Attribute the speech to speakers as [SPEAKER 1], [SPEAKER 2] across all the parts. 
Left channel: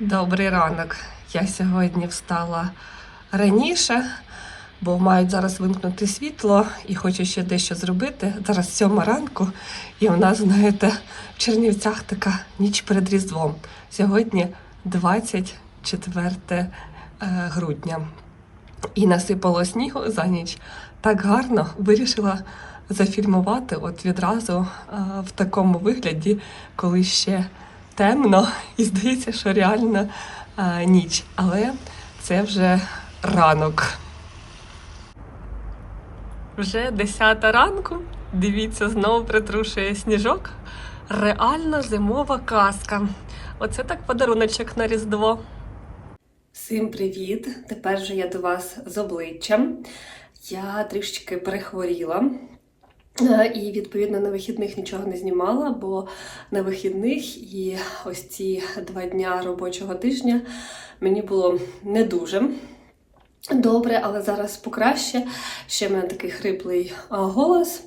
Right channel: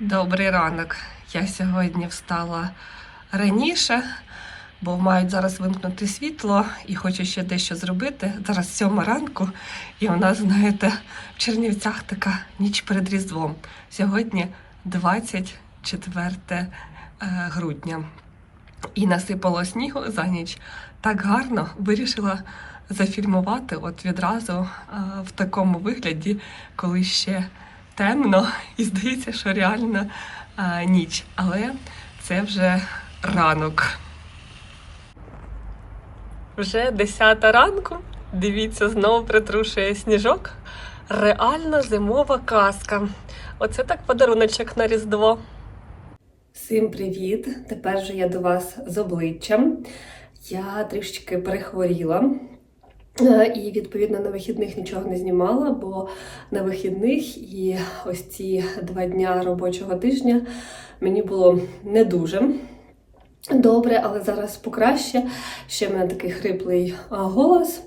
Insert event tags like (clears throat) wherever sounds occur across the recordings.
[SPEAKER 1] Добрий ранок. Я сьогодні встала раніше, бо мають зараз вимкнути світло і хочу ще дещо зробити. Зараз сьома ранку, і у нас, знаєте, в Чернівцях така ніч перед Різдвом. Сьогодні 24 е, грудня. І насипало снігу за ніч. Так гарно вирішила зафільмувати от відразу е, в такому вигляді, коли ще темно, і здається, що реально е, ніч. Але це вже ранок. Вже 10 ранку. Дивіться, знову притрушує сніжок. Реальна зимова казка. Оце так подаруночок на Різдво. Всім привіт! Тепер же я до вас з обличчям. Я трішечки перехворіла. Е, І відповідно на вихідних нічого не знімала, бо на вихідних і ось ці два дня робочого тижня мені було не дуже добре, але зараз покраще. Ще в мене такий хриплий голос,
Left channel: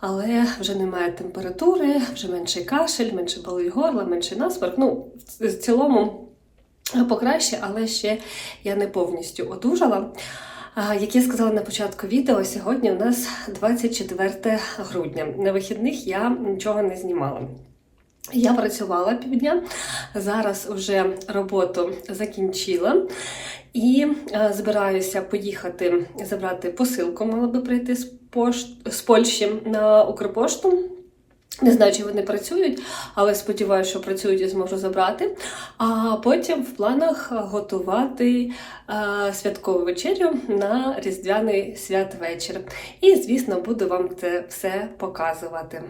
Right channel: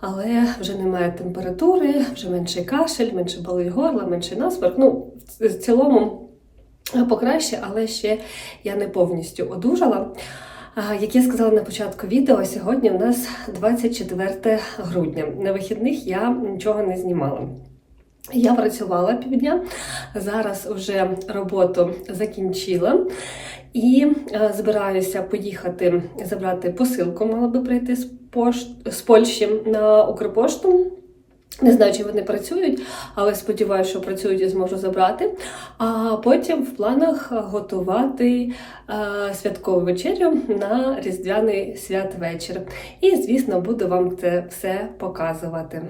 [SPEAKER 1] але вже немає температури, вже менший кашель, менше болить горло, менший насморк. Ну, в в цілому покраще, але ще я не повністю одужала. Як я сказала на початку відео, сьогодні у нас 24 грудня. На вихідних я нічого не знімала. Я працювала півдня, зараз вже роботу закінчила і е, збираюся поїхати забрати посилку. Мала би прийти з Польщі на Укрпошту. Не знаю, чи вони працюють, але сподіваюся, що працюють і зможу забрати. А потім в планах готувати е, святкову вечерю на різдвяний святвечір. І, звісно, буду вам це все показувати.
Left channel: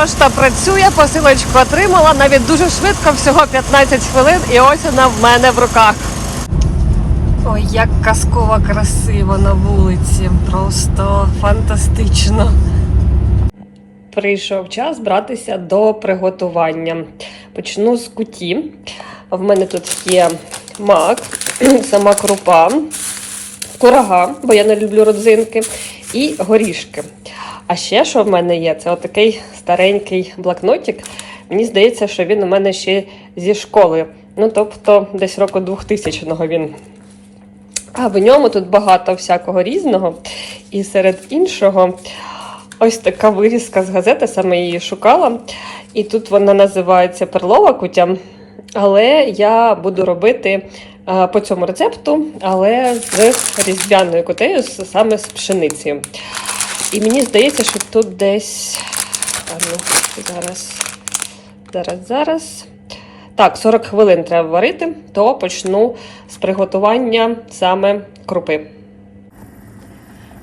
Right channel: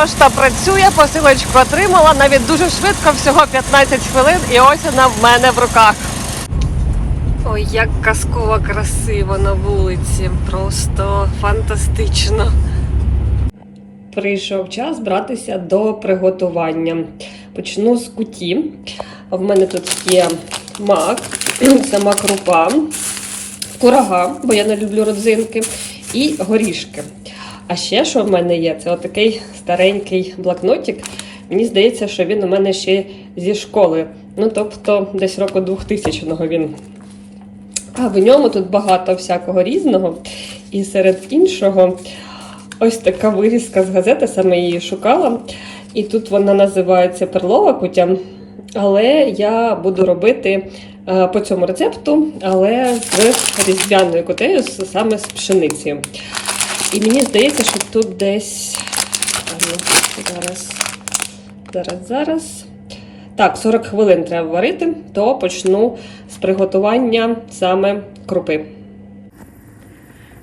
[SPEAKER 1] Пошта працює, посилочку отримала навіть дуже швидко, всього 15 хвилин, і ось вона в мене в руках. Ой, як казково красиво на вулиці. Просто фантастично. Прийшов час братися до приготування. Почну з куті. В мене тут є мак, (clears throat) сама крупа, курага, бо я не люблю родзинки, і горішки. А ще що в мене є? Це отакий старенький блокнотик. Мені здається, що він у мене ще зі школи. Ну, тобто, десь року 2000-го він. А в ньому тут багато всякого різного. І серед іншого, ось така вирізка з газети, саме її шукала. І тут вона називається перлова кутя. Але я буду робити е, по цьому рецепту, але з різдвяною кутею, саме з пшеницею. І мені здається, що тут десь. А ну, зараз, зараз, зараз. Так, 40 хвилин треба варити, то почну з приготування саме крупи.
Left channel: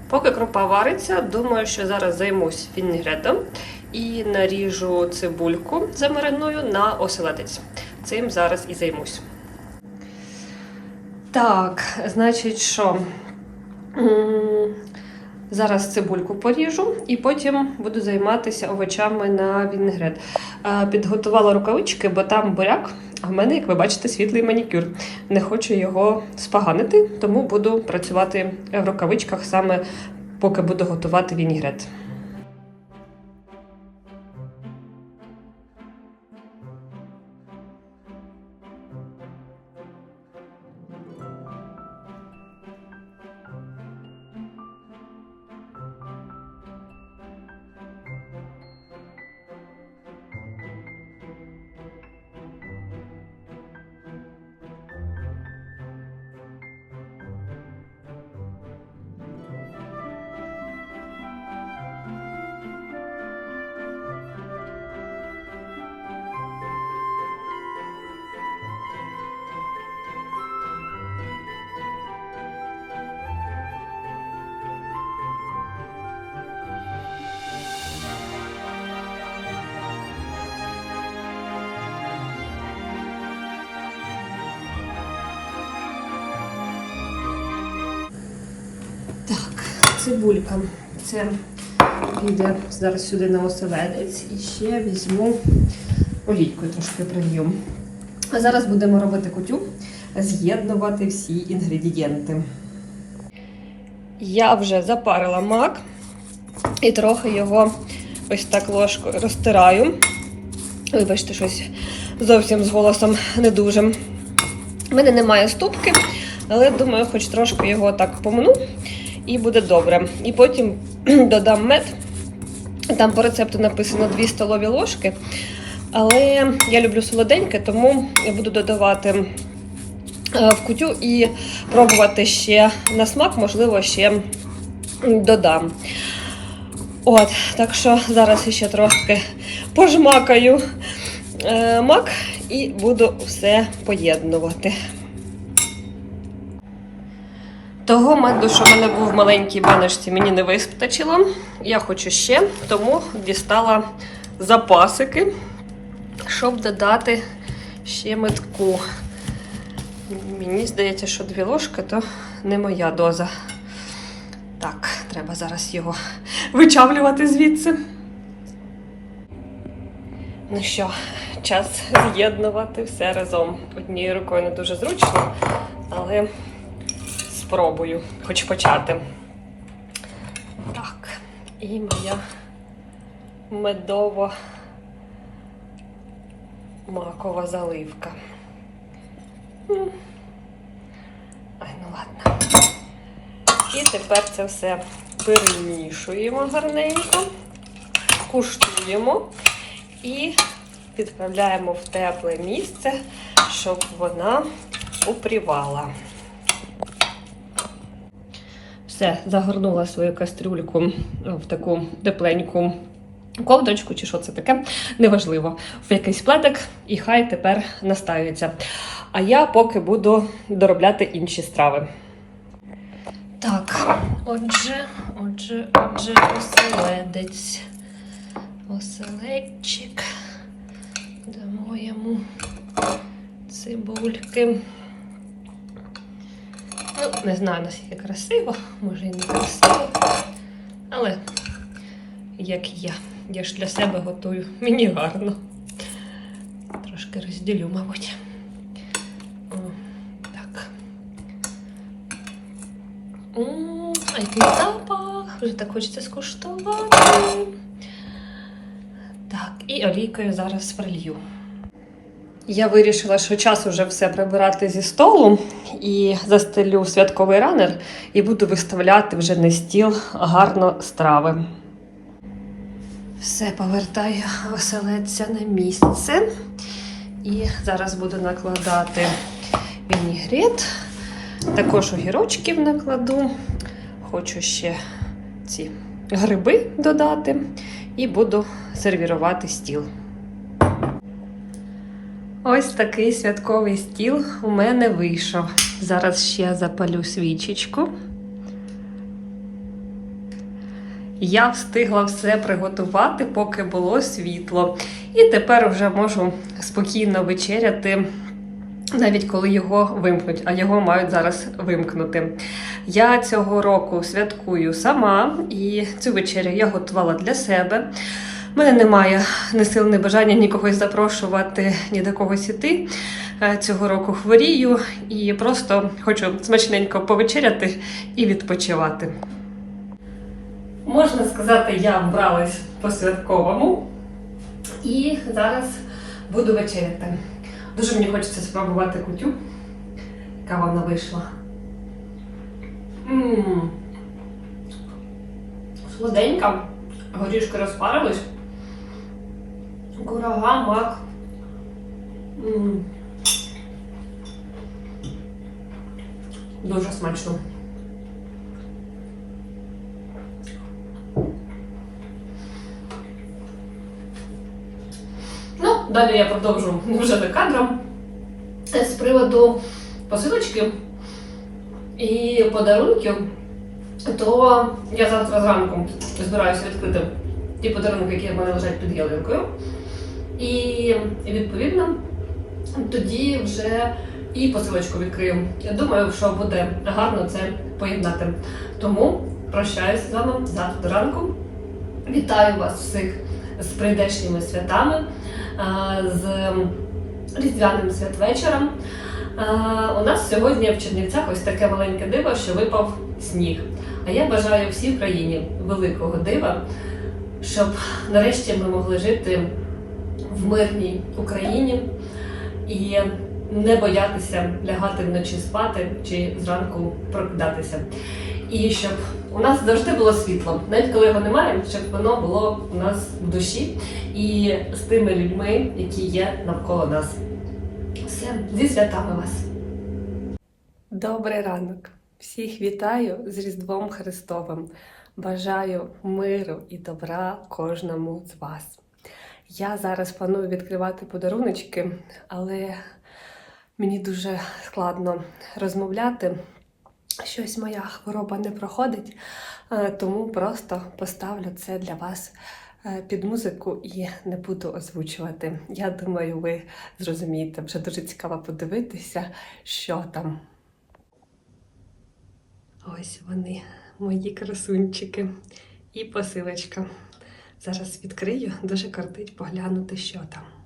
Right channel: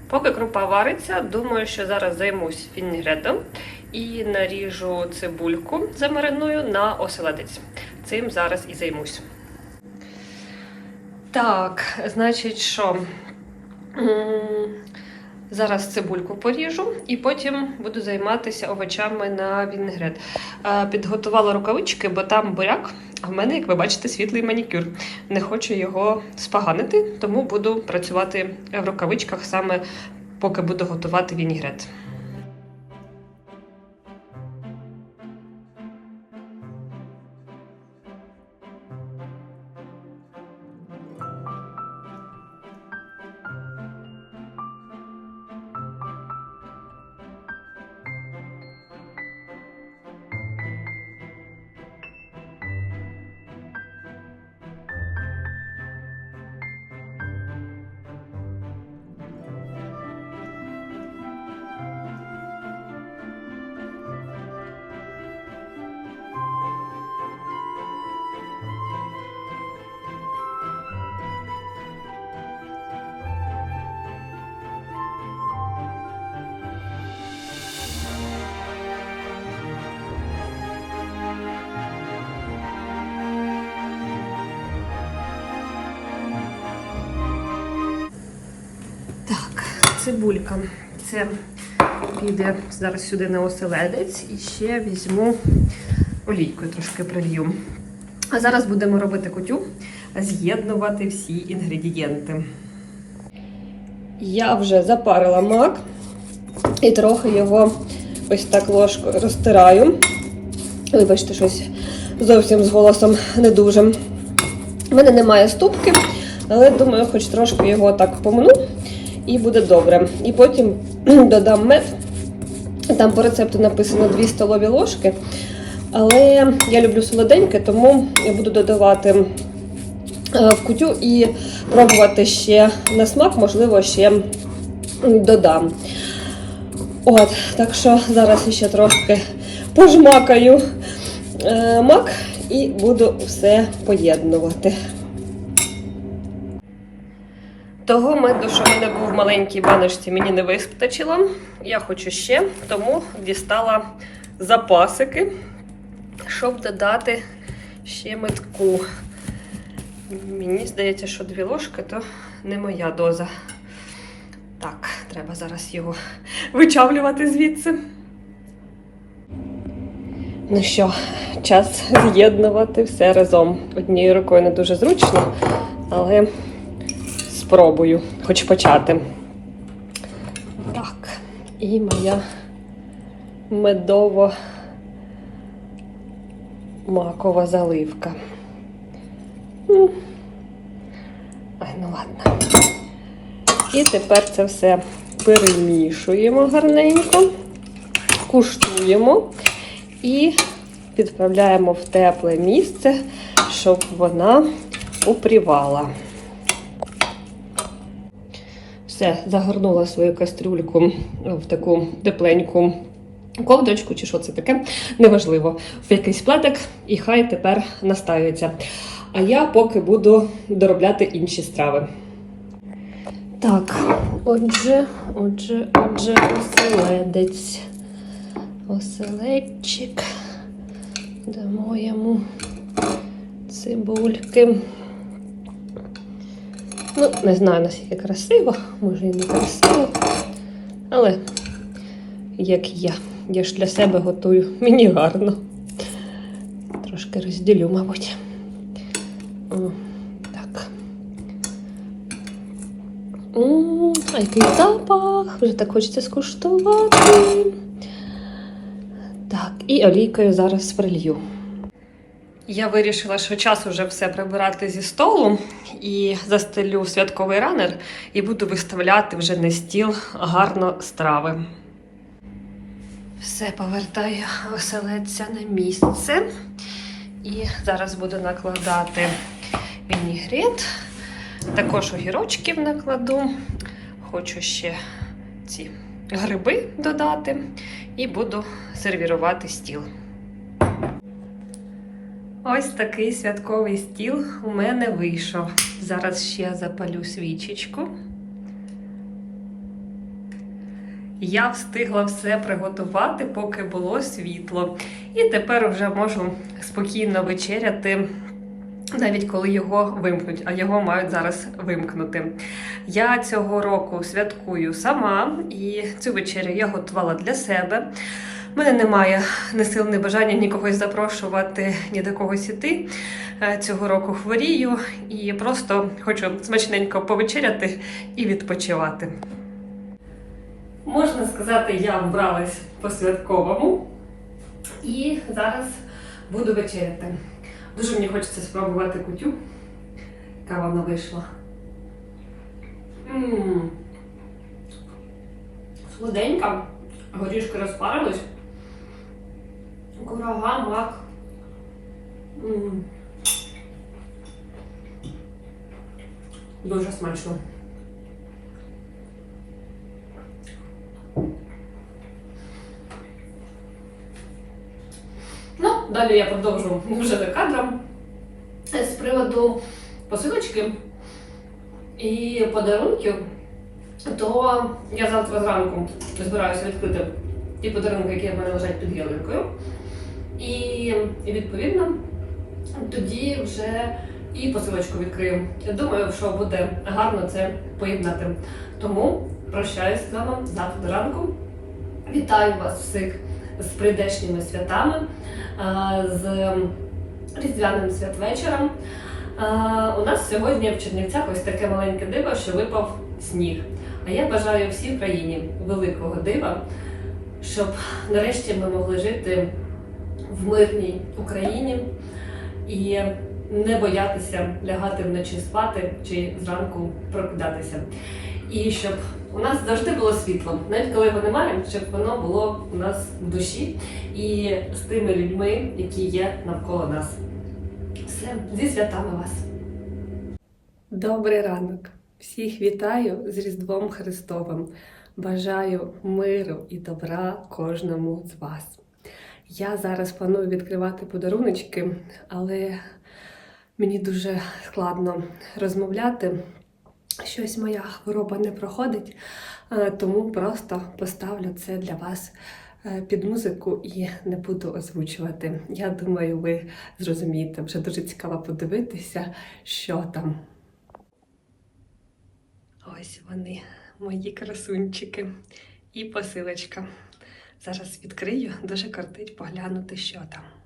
[SPEAKER 1] Поки крупа вариться, думаю, що зараз займусь вінігретом і наріжу цибульку замариную на оселедець. Цим зараз і займусь. Так, значить, що? Зараз цибульку поріжу і потім буду займатися овочами на вінегрет. Е, Підготувала рукавички, бо там буряк, а в мене, як ви бачите, світлий манікюр. Не хочу його споганити, тому буду працювати в рукавичках саме поки буду готувати вінігрет. Цибулька. Це піде зараз сюди на оселедець і ще візьму олійкою трошки прилью. А зараз будемо робити кутю, з'єднувати всі інгредієнти. Я вже запарила мак і трохи його ось так ложкою розтираю. Вибачте, щось зовсім з голосом не дуже. У мене немає ступки, але думаю, хоч трошки його так помну і буде добре. І потім (clears throat) додам мед. Там по рецепту написано 2 столові ложки. Але я люблю солоденьке, тому я буду додавати е, в кутю і пробувати ще на смак, можливо, ще додам. От, так що зараз ще трошки пожмакаю е, мак і буду все поєднувати. Того меду, що в мене був в маленькій баночці, мені не вистачило. Я хочу ще, тому дістала запасики, щоб додати ще метку. Мені здається, що дві ложки то не моя доза. Так, треба зараз його вичавлювати звідси. Ну що, час з'єднувати все разом. Однією рукою не дуже зручно, але спробую хоч почати. Так, і моя медово макова заливка. Ну, Ай, ну ладно. І тепер це все перемішуємо гарненько, куштуємо і відправляємо в тепле місце, щоб вона упрівала. Все, загорнула свою кастрюльку в таку тепленьку ковдрочку, чи що це таке, неважливо, в якийсь плетик, і хай тепер настаюється. А я поки буду доробляти інші страви. Так, отже, отже, отже, оселедець. Оселедчик. Дамо йому цибульки. Ну, не знаю, наскільки красиво, може і не красиво. Але як я. Я ж для себе готую. Мені гарно. Трошки розділю, мабуть. О, так. А який запах! Вже так хочеться скуштувати. Так, і олійкою зараз прилью. Я вирішила, що час уже все прибирати зі столу і застелю святковий ранер і буду виставляти вже на стіл гарно страви. Все повертаю оселедця на місце. І зараз буду накладати вінігрет. Також огірочків накладу. Хочу ще ці гриби додати і буду сервірувати стіл. Ось такий святковий стіл у мене вийшов. Зараз ще запалю свічечку. Я встигла все приготувати, поки було світло. І тепер вже можу спокійно вечеряти, навіть коли його вимкнуть, а його мають зараз вимкнути. Я цього року святкую сама, і цю вечерю я готувала для себе. У мене немає ні сил, ні бажання ні когось запрошувати, ні до когось іти. Е, Цього року хворію і просто хочу смачненько повечеряти і відпочивати. Можна сказати, я вбралась по-святковому і зараз буду вечеряти. Дуже мені хочеться спробувати кутю, яка вона вийшла. М-м. Солоденька, горішки розпарились. Курага, мак. Дуже смачно. Ну, далі я продовжу вже за кадром з приводу посилочки і подарунків. То я завтра зранку збираюся відкрити ті подарунки, які в мене лежать під ялинкою. І відповідно тоді вже і посилочку відкрию. Я думаю, що буде гарно це поєднати. Тому прощаюся з вами завтра до ранку. Вітаю вас всіх з прийдешніми святами, з різдвяним святвечором. У нас сьогодні в Чернівцях ось таке маленьке диво, що випав сніг. А я бажаю всій країні великого дива, щоб нарешті ми могли жити в мирній Україні і не боятися лягати вночі спати чи зранку прокидатися. І щоб у нас завжди було світло, навіть коли його немає, щоб воно було у нас в душі і з тими людьми, які є навколо нас. Все, зі святами вас. Добрий ранок. Всіх вітаю з Різдвом Христовим. Бажаю миру і добра кожному з вас. Я зараз планую відкривати подаруночки, але мені дуже складно розмовляти. Щось моя хвороба не проходить, е, тому просто поставлю це для вас е, під музику і не буду озвучувати. Я думаю, ви зрозумієте. Вже дуже цікаво подивитися, що там. Ось вони, мої красунчики. І посилочка. Зараз відкрию, дуже кортить поглянути, що там.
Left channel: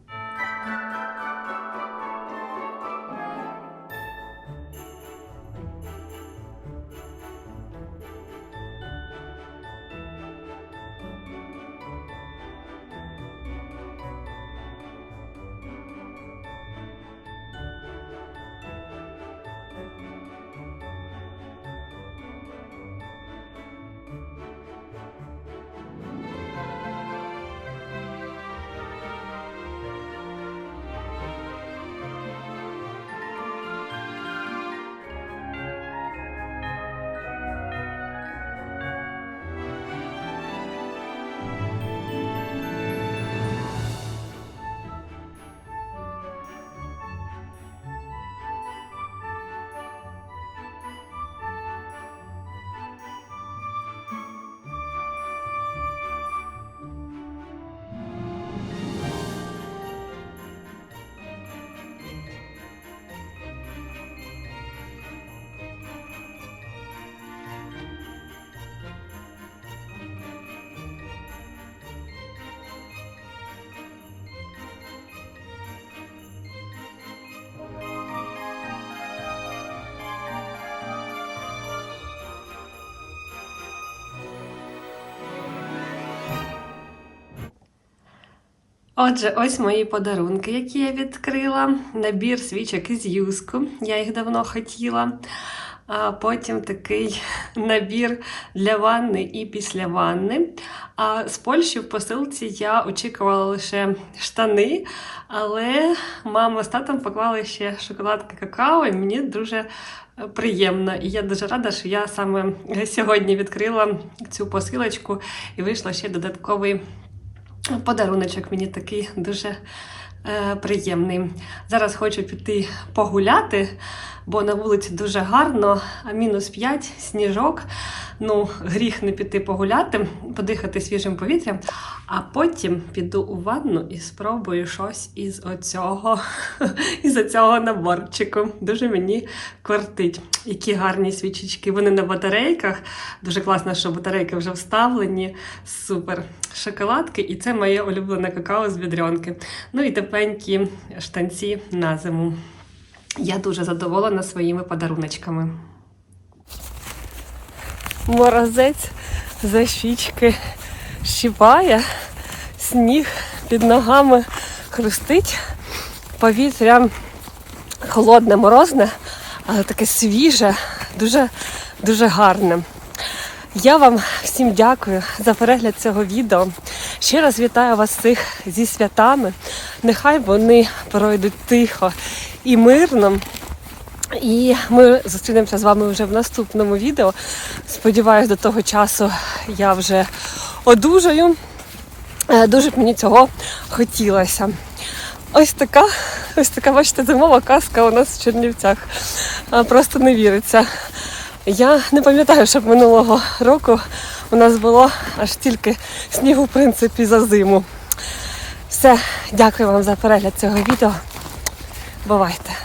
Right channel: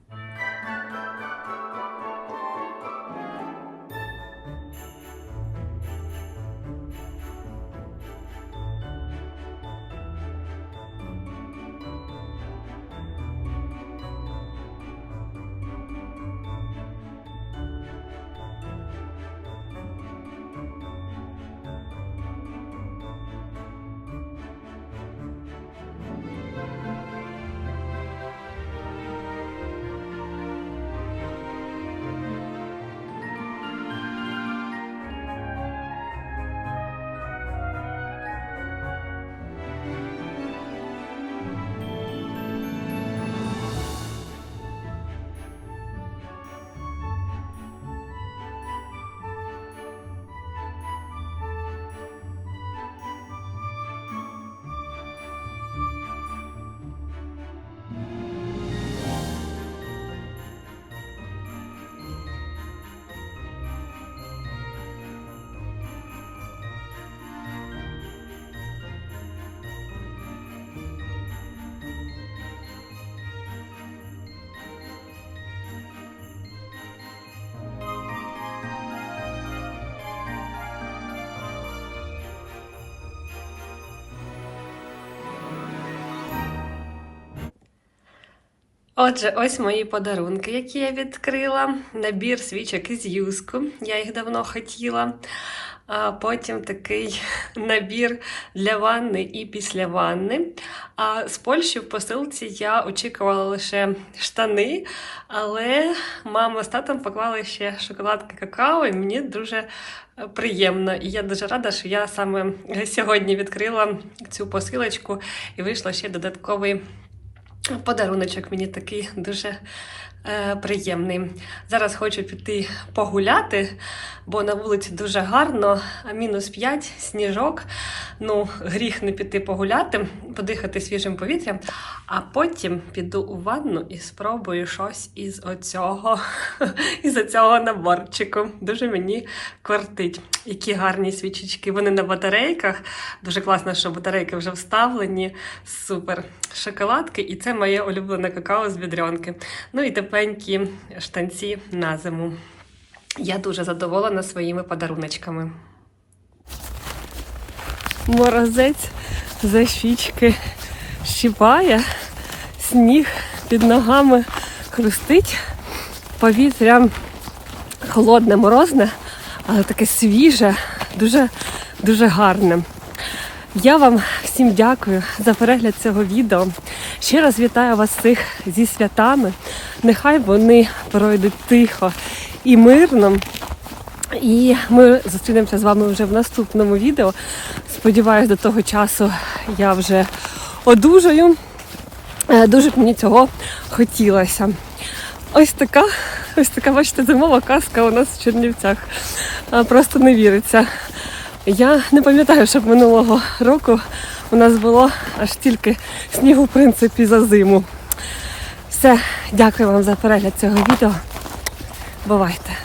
[SPEAKER 1] Отже, ось мої подарунки, які я відкрила. Набір свічок із юску. Я їх давно хотіла. А потім такий (laughs) набір для ванни і після ванни. А з Польщі в посилці я очікувала лише штани, але мама з татом поклали ще шоколадки какао, і мені дуже е, приємно. І я дуже рада, що я саме сьогодні відкрила цю посилочку і вийшла ще додатковий подаруночок мені такий дуже е, приємний. Зараз хочу піти погуляти, бо на вулиці дуже гарно, а мінус 5, сніжок. Ну, гріх не піти погуляти, подихати свіжим повітрям, а потім піду у ванну і спробую щось із оцього, (laughs) із оцього наборчику. Дуже мені кортить. Які гарні свічечки. Вони на батарейках. Дуже класно, що батарейки вже вставлені. Супер. Шоколадки, і це моє улюблене какао з бідрянки. Ну і тепленькі штанці на зиму. Я дуже задоволена своїми подаруночками. Морозець за щічки щіпає, сніг під ногами хрустить, повітря холодне, морозне, але таке свіже, дуже, дуже гарне. Я вам всім дякую за перегляд цього відео. Ще раз вітаю вас всіх зі святами. Нехай вони пройдуть тихо і мирно. І ми зустрінемося з вами вже в наступному відео. Сподіваюсь, до того часу я вже одужаю. Е, Дуже б мені цього хотілося. Ось така, ось така, бачите, зимова казка у нас в Чернівцях. Просто не віриться. Я не пам'ятаю, щоб минулого року у нас було аж стільки снігу, в принципі, за зиму. Все, дякую вам за перегляд цього відео. Бувайте!